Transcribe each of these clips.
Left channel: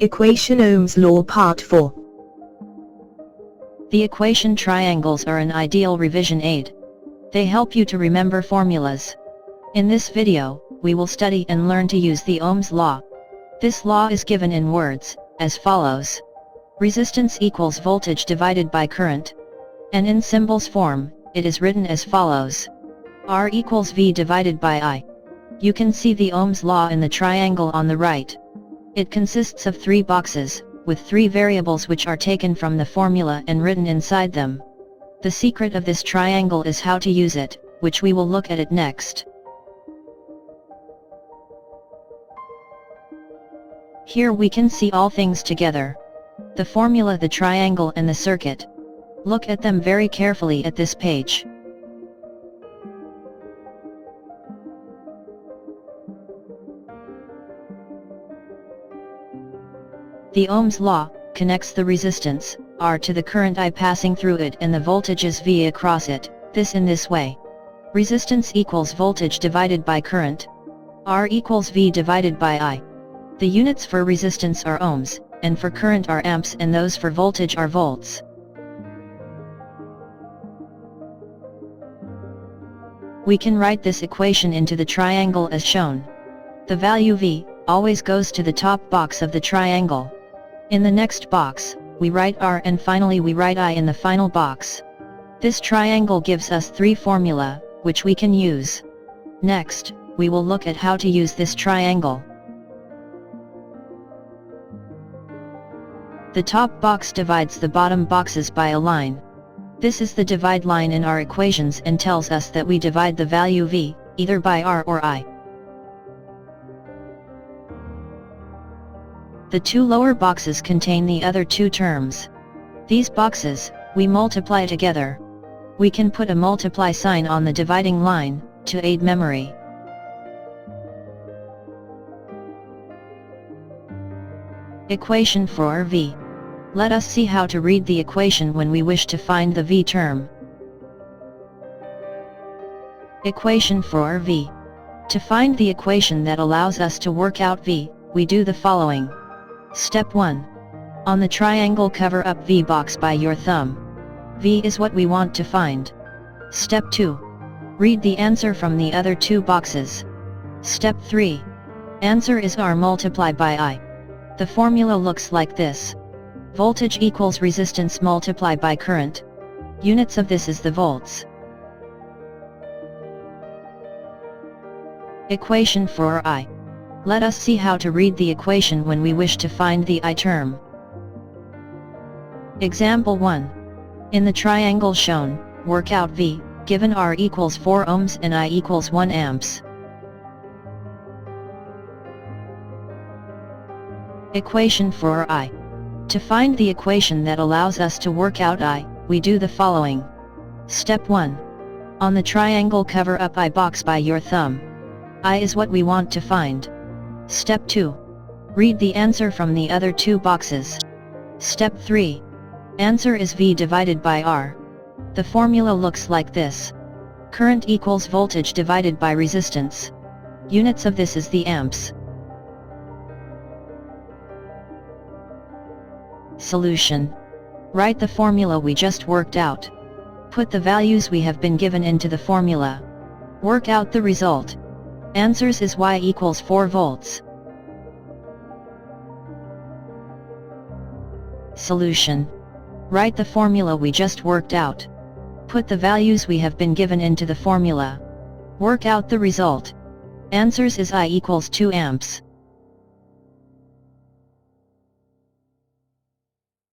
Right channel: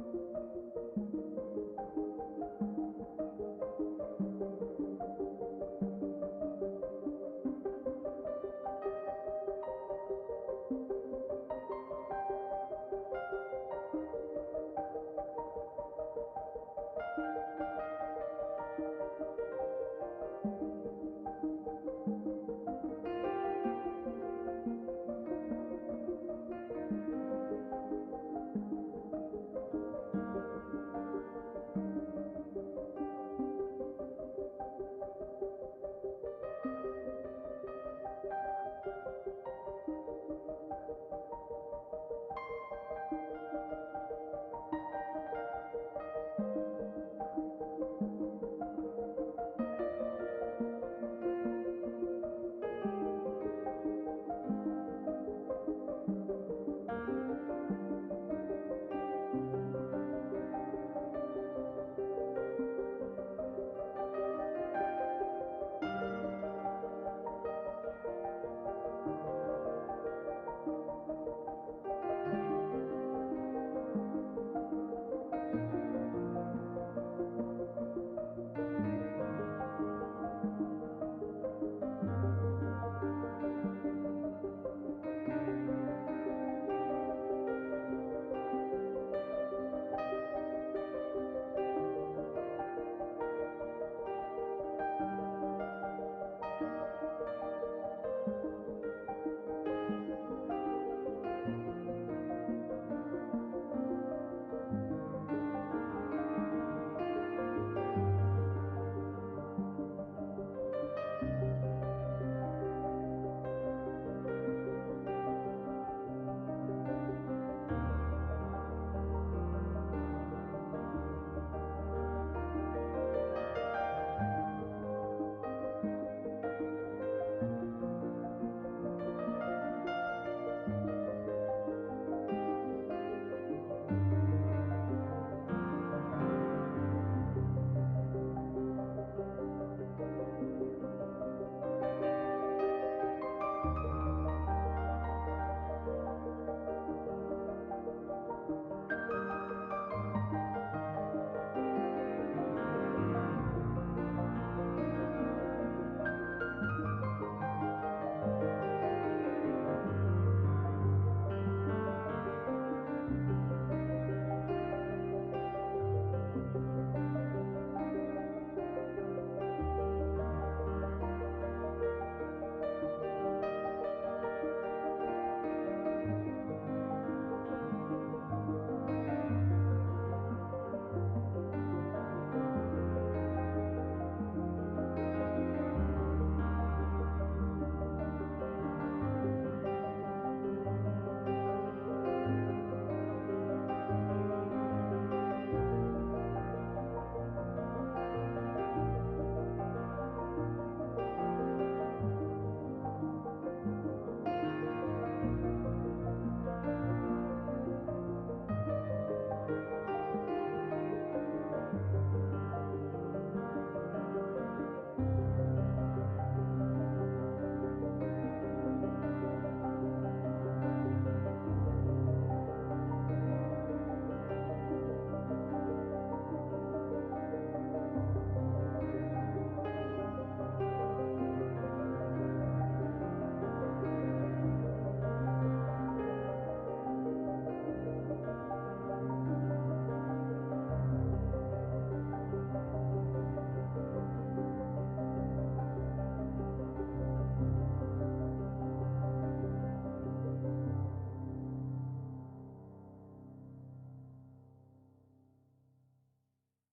Equation Ohm's Law Part 4. The equation triangles are an ideal revision aid. They help you to remember formulas. In this video, we will study and learn to use the Ohm's law. This law is given in words, as follows. Resistance equals voltage divided by current. And in symbols form, it is written as follows. R equals V divided by I. You can see the Ohm's law in the triangle on the right. It consists of 3 boxes, with 3 variables which are taken from the formula and written inside them. The secret of this triangle is how to use it, which we will look at it next. Here we can see all things together. The formula, the triangle and the circuit. Look at them very carefully at this page. The Ohm's law connects the resistance, R, to the current I passing through it and the voltages V across it, this in this way. Resistance equals voltage divided by current. R equals V divided by I. The units for resistance are ohms, and for current are amps, and those for voltage are volts. We can write this equation into the triangle as shown. The value V always goes to the top box of the triangle. In the next box, we write R, and finally we write I in the final box. This triangle gives us 3 formula, which we can use. Next, we will look at how to use this triangle. The top box divides the bottom boxes by a line. This is the divide line in our equations and tells us that we divide the value V, either by R or I. The 2 lower boxes contain the other 2 terms. These boxes, we multiply together. We can put a multiply sign on the dividing line, to aid memory. Equation for V. Let us see how to read the equation when we wish to find the V term. Equation for V. To find the equation that allows us to work out V, we do the following. Step 1. On the triangle, cover up V box by your thumb. V is what we want to find. Step 2. Read the answer from the other 2 boxes. Step 3. Answer is R multiplied by I. The formula looks like this. Voltage equals resistance multiplied by current. Units of this is the volts. Equation for I. Let us see how to read the equation when we wish to find the I term. Example 1. In the triangle shown, work out V, given R equals 4 ohms and I equals 1 amps. Equation for I. To find the equation that allows us to work out I, we do the following. Step 1. On the triangle, cover up I box by your thumb. I is what we want to find. Step 2. Read the answer from the other 2 boxes. Step 3. Answer is V divided by R. The formula looks like this. Current equals voltage divided by resistance. Units of this is the amps. Solution. Write the formula we just worked out. Put the values we have been given into the formula. Work out the result. Answers is Y equals 4 volts. Solution. Write the formula we just worked out. Put the values we have been given into the formula. Work out the result. Answers is I equals 2 amps.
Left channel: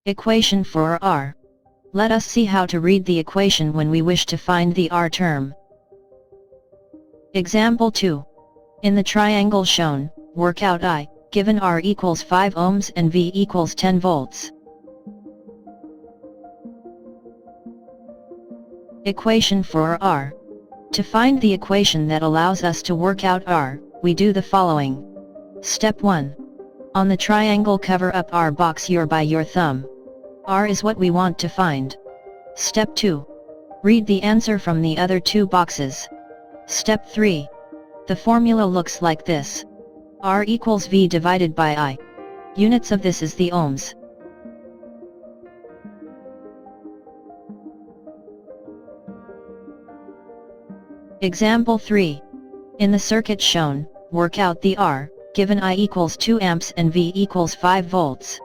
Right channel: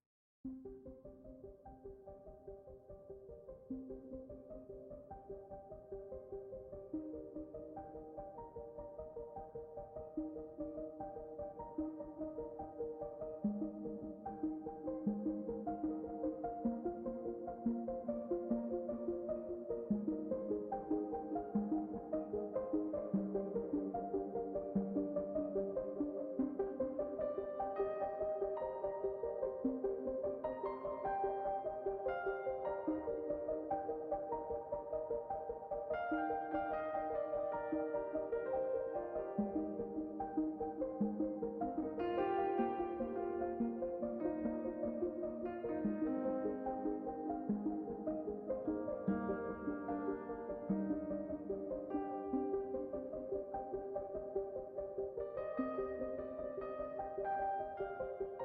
Equation for R. Let us see how to read the equation when we wish to find the R term. Example 2. In the triangle shown, work out I, given R equals 5 ohms and V equals 10 volts. Equation for R. To find the equation that allows us to work out R, we do the following. Step 1. On the triangle, cover up R box by your thumb. R is what we want to find. Step 2. Read the answer from the other 2 boxes. Step 3. The formula looks like this. R equals V divided by I. Units of this is the ohms. Example 3. In the circuit shown, work out the R, given I equals 2 amps and V equals 5 volts.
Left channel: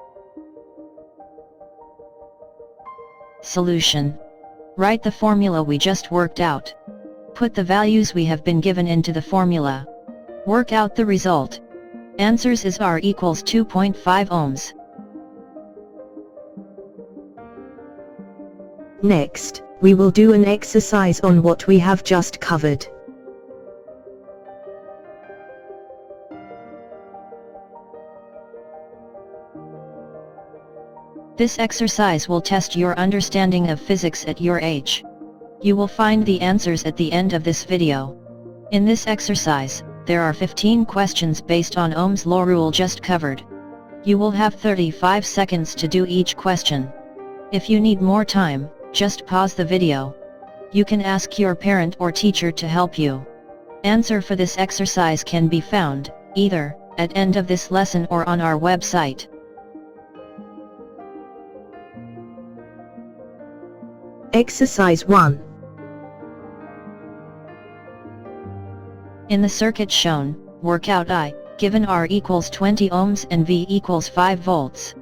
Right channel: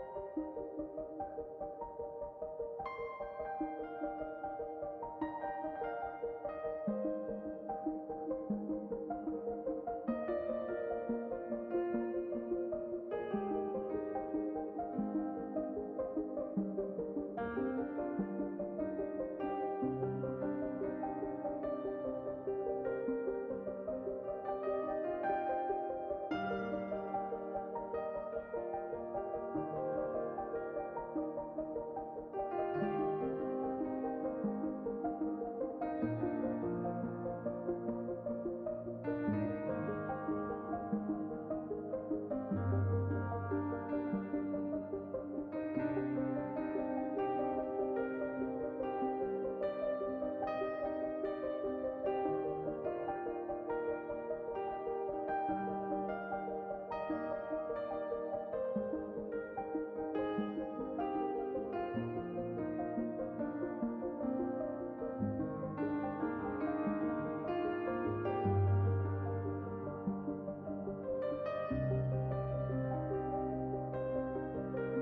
Solution. Write the formula we just worked out. Put the values we have been given into the formula. Work out the result. Answers is R equals 2.5 ohms. Next, we will do an exercise on what we have just covered. This exercise will test your understanding of physics at your age. You will find the answers at the end of this video. In this exercise, there are 15 questions based on Ohm's law rule just covered. You will have 35 seconds to do each question. If you need more time, just pause the video. You can ask your parent or teacher to help you. Answer for this exercise can be found, either, at end of this lesson or on our website. Exercise 1. In the circuit shown, work out I, given R equals 20 ohms and V equals 5 volts.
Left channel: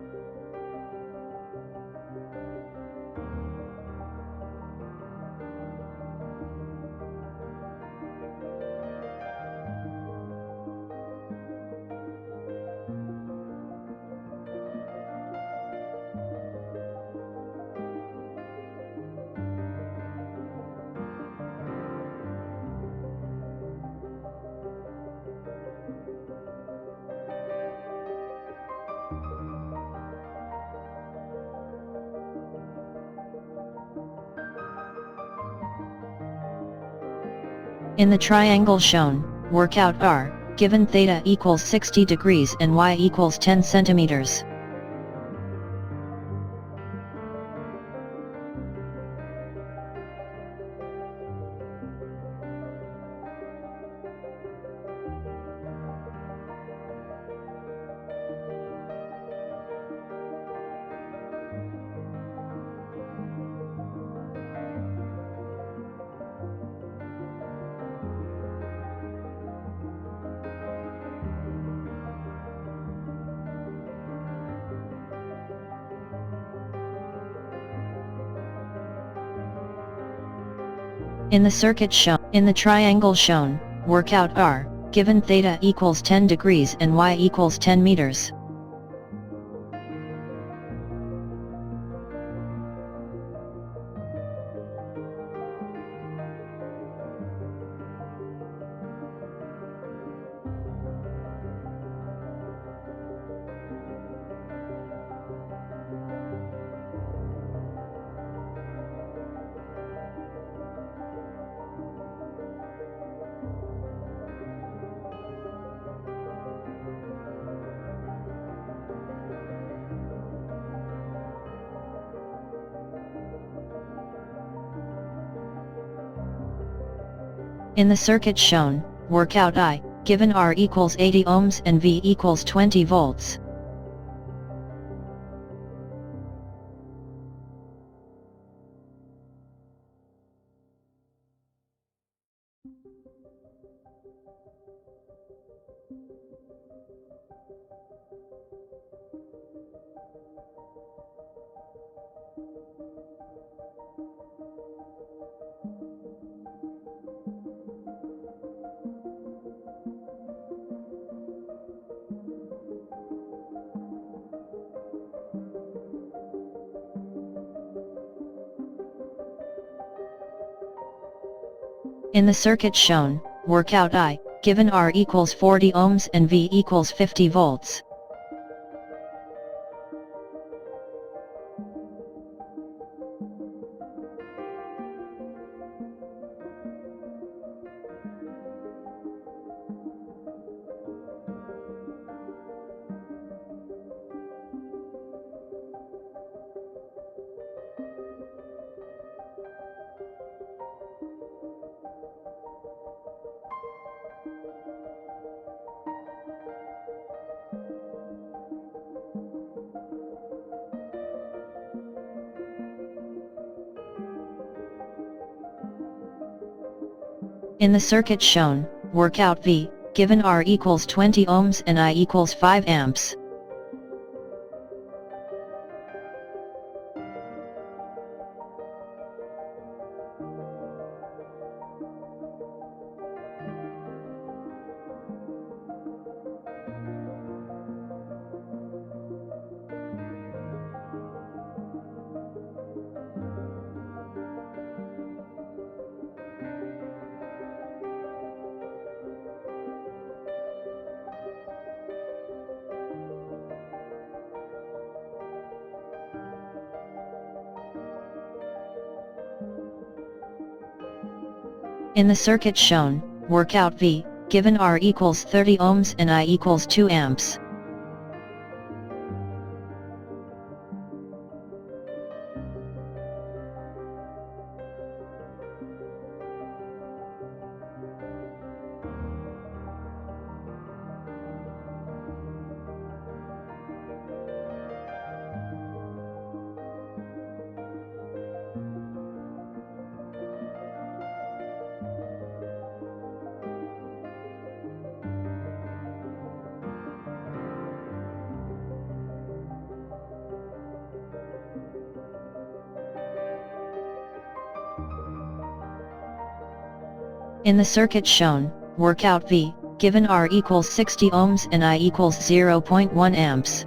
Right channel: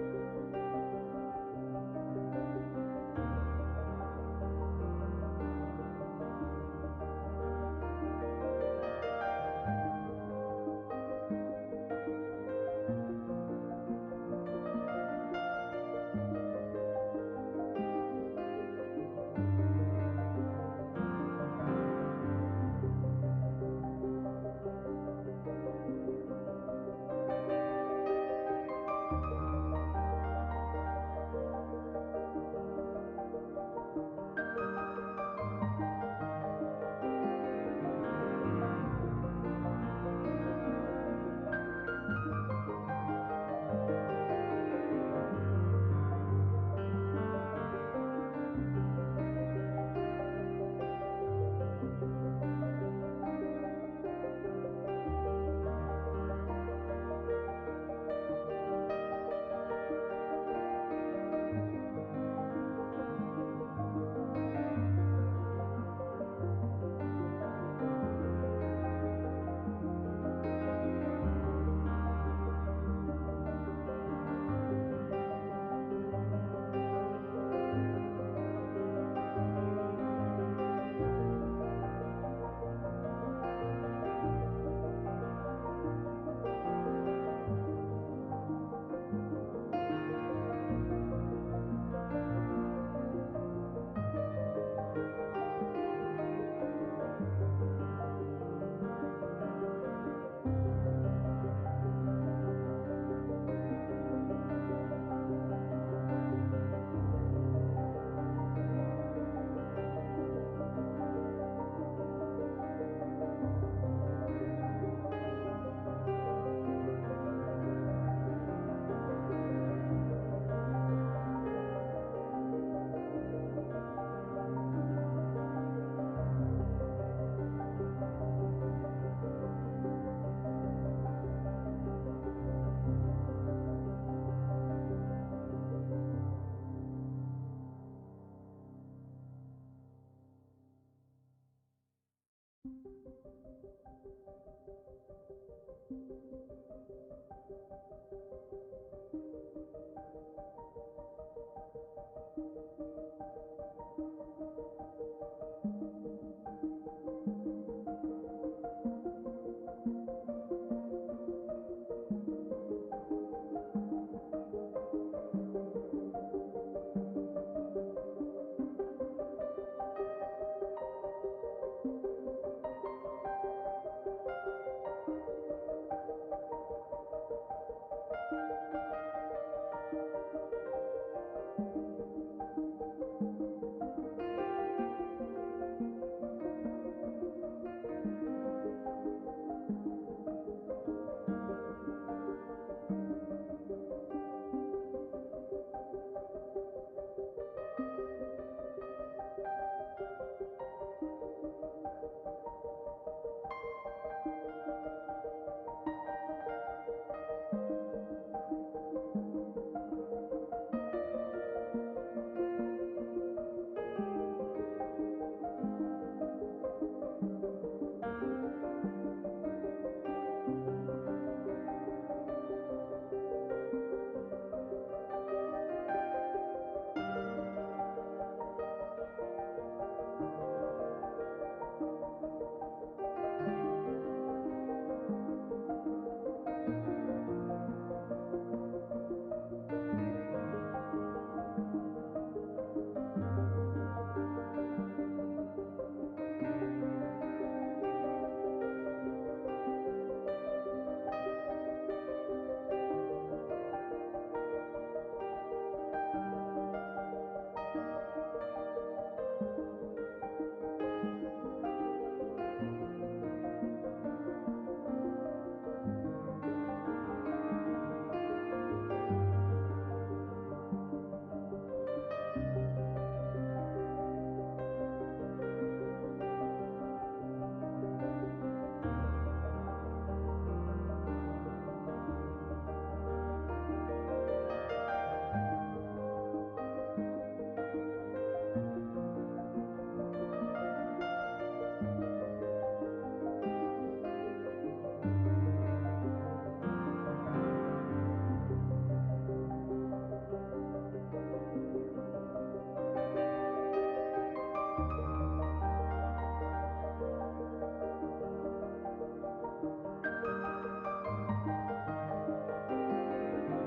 In the triangle shown, work out R, given theta equals 60 degrees and Y equals 10 centimeters. In the circuit shown, in the triangle shown, work out R, given theta equals 10 degrees and Y equals 10 meters. In the circuit shown, work out I, given R equals 80 ohms and V equals 20 volts. In the circuit shown, work out I, given R equals 40 ohms and V equals 50 volts. In the circuit shown, work out V, given R equals 20 ohms and I equals 5 amps. In the circuit shown, work out V, given R equals 30 ohms and I equals 2 amps. In the circuit shown, work out V, given R equals 60 ohms and I equals 0.1 amps.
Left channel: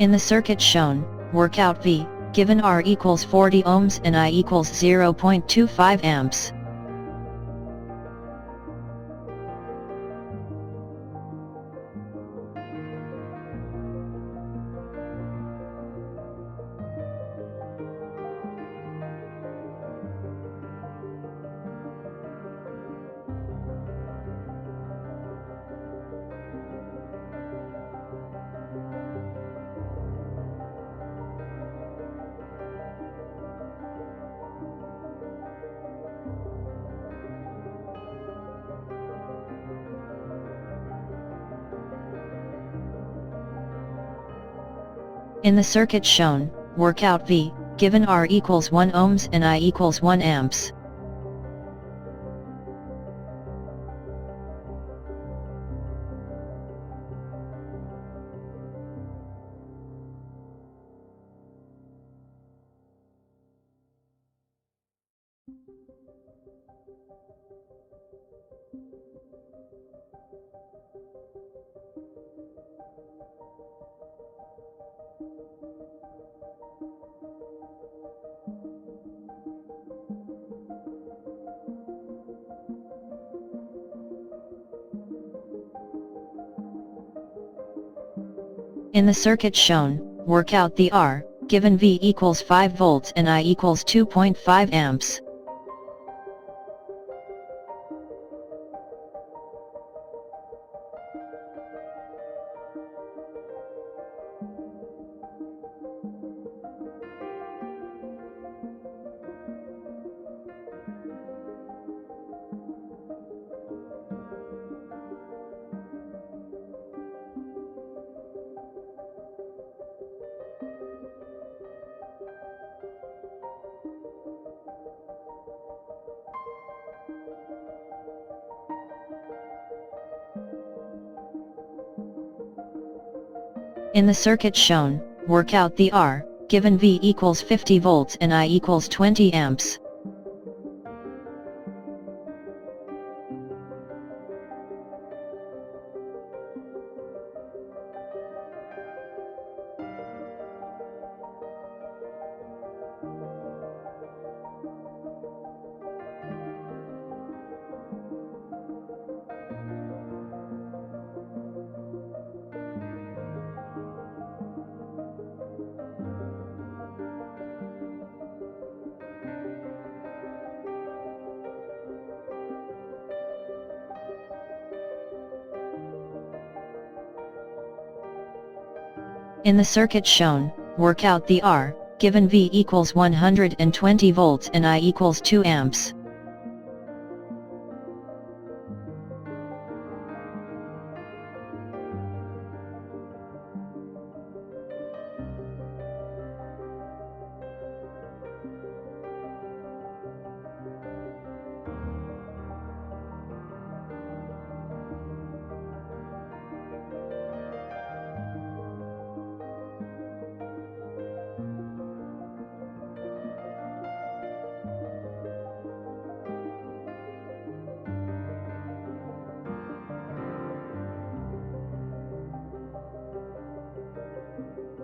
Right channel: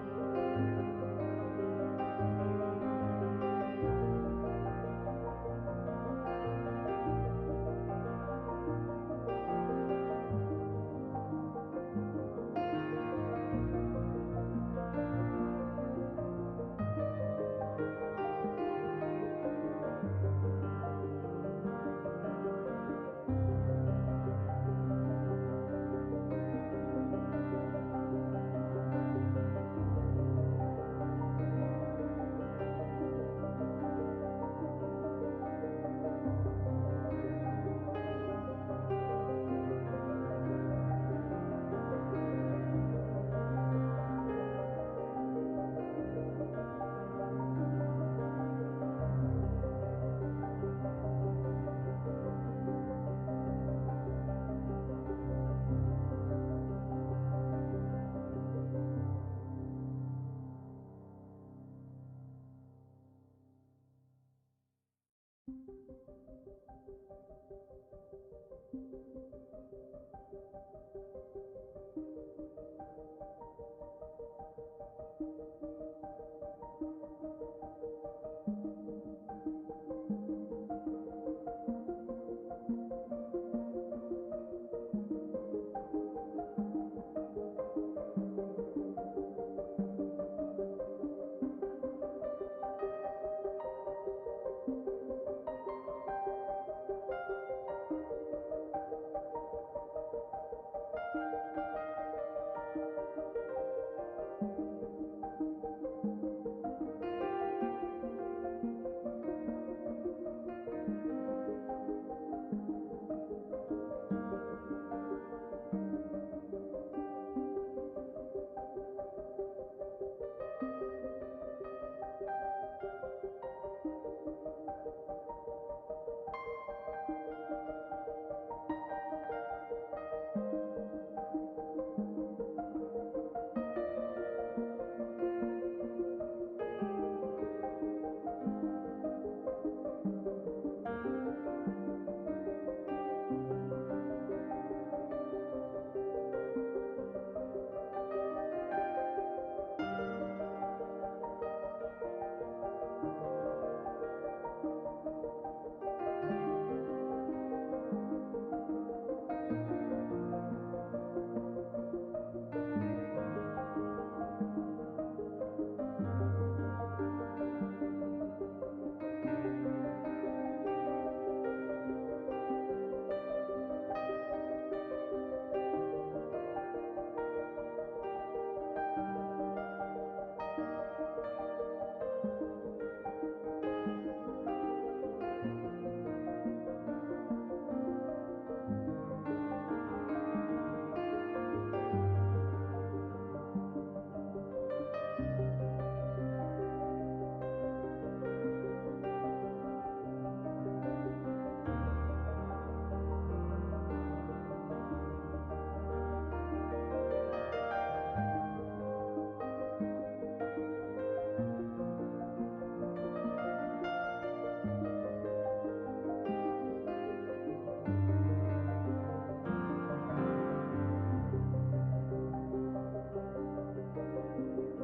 In the circuit shown, work out V, given R equals 40 ohms and I equals 0.25 amps. In the circuit shown, work out V, given R equals 1 ohms and I equals 1 amps. In the circuit shown, work out the R, given V equals 5 volts and I equals 2.5 amps. In the circuit shown, work out the R, given V equals 50 volts and I equals 20 amps. In the circuit shown, work out the R, given V equals 120 volts and I equals 2 amps.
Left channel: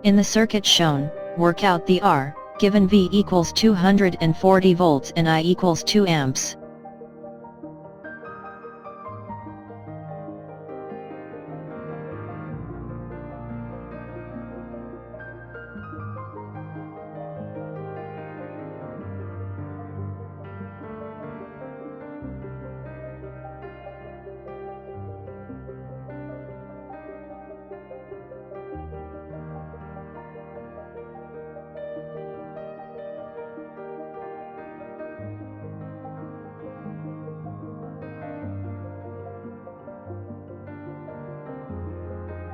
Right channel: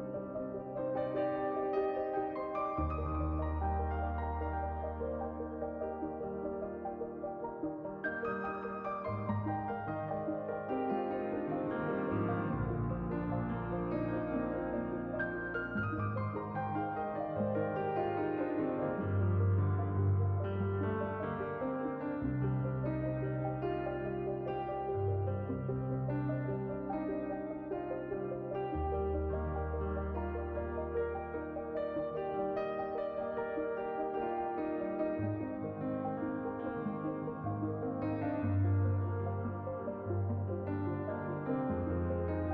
In the circuit shown, work out the R, given V equals 240 volts and I equals 2 amps.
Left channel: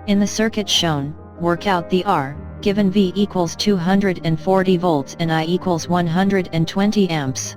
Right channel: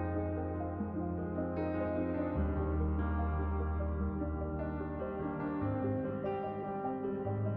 In the circuit shown, work out the R, given V equals 240 volts and I equals 120 amps.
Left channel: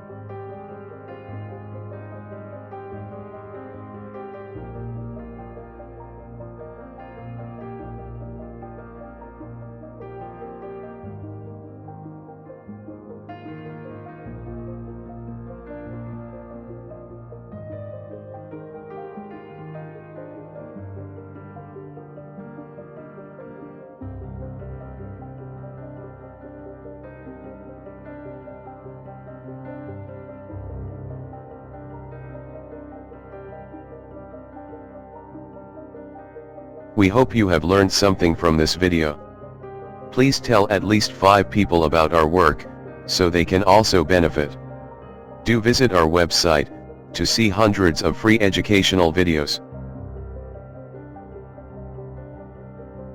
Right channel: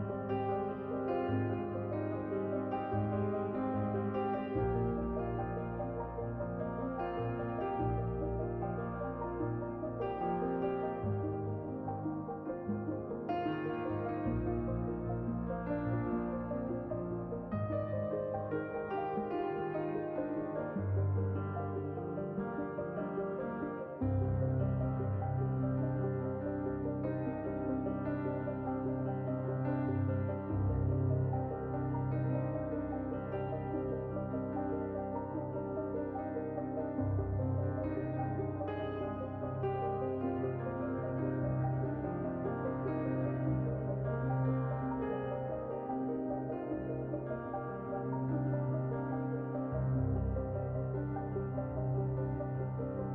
We hope you have learned something from this video. Please tell at least 5 people about our work, so they can also benefit. Do visit our website, to see hundreds of free educational videos.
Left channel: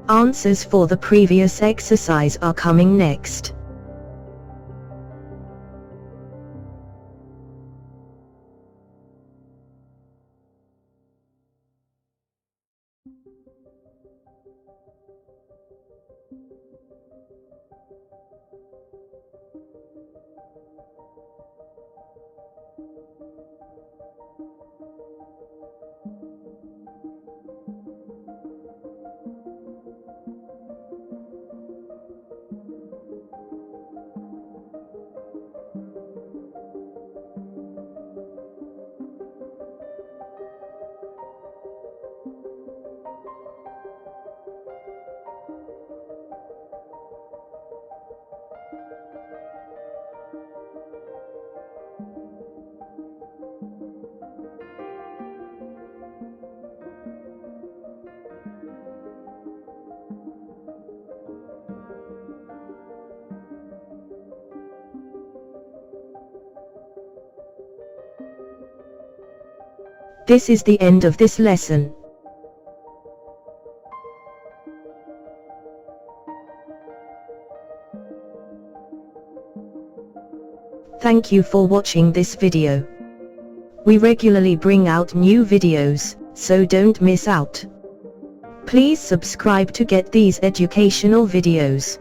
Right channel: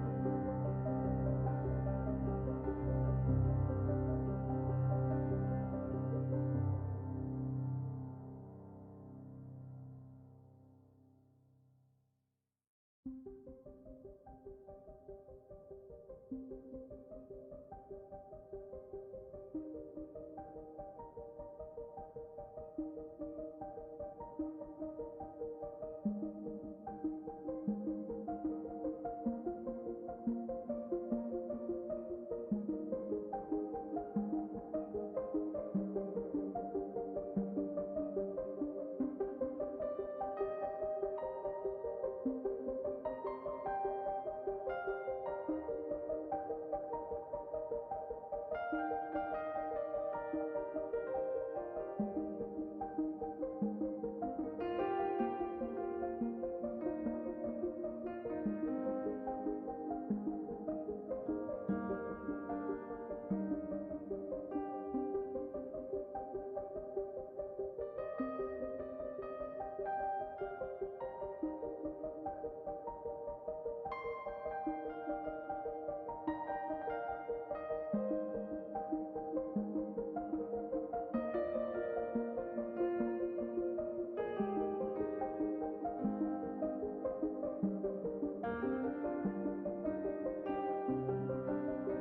Answers for the previous exercise are coming next. This is the end of this lesson. Thank you for watching this video. We regularly bring out new videos, so don't miss out. Please subscribe to get these educational videos.